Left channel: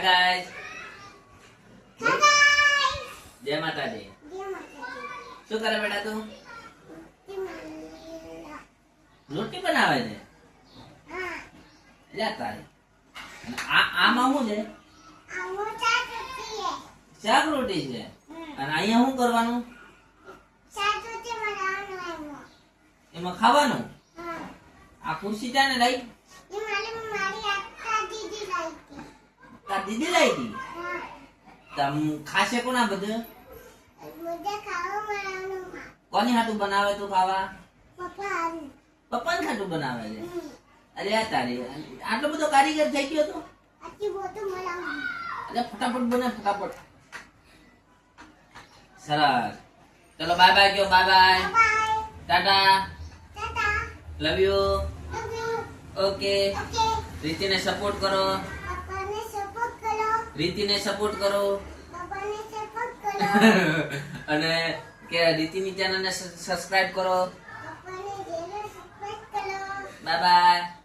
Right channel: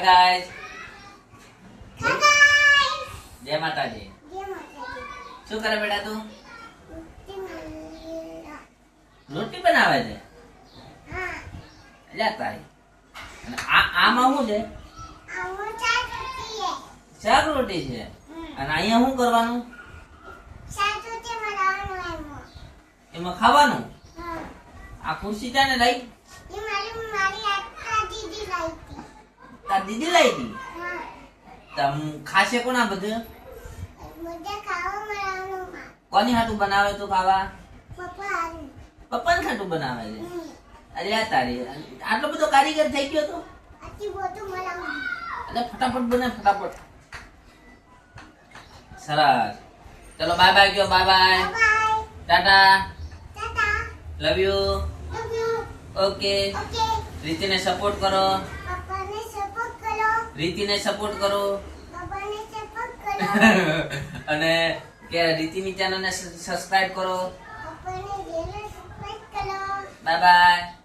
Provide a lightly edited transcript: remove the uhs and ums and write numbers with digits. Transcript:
Hi guys. જય માતાજી. શું કરે બેટા તું? રોટી બનાવે છે. લે તારી. અને આમાં શું છે? શાક રોટી છે. અને અહીંયા શું કરવાનું? એમાં ખાવાનું. આ ખુરશી ચાને લાઈ? તાર દીદી લાઈ હતી. તમ ખાશે કોના બધું? કોની હાટું બનાવે તું ખાવા? પપ્પાને હાટું બનાવે છે. અરે આ તારી આટલો બધો કારીગર થઈ ગયો તો? અરે ફટાફટ બને ફટાફટ. સરસ. ચલો બાય બાય કયો. Bye bye. Tata. Love you. Okay. રીતિને સપોર્ટ કરો. રીતિને સપોર્ટ કરો. અને કે રીતિની ચેનલને સબસ્ક્રાઇબ કરો. Bye bye.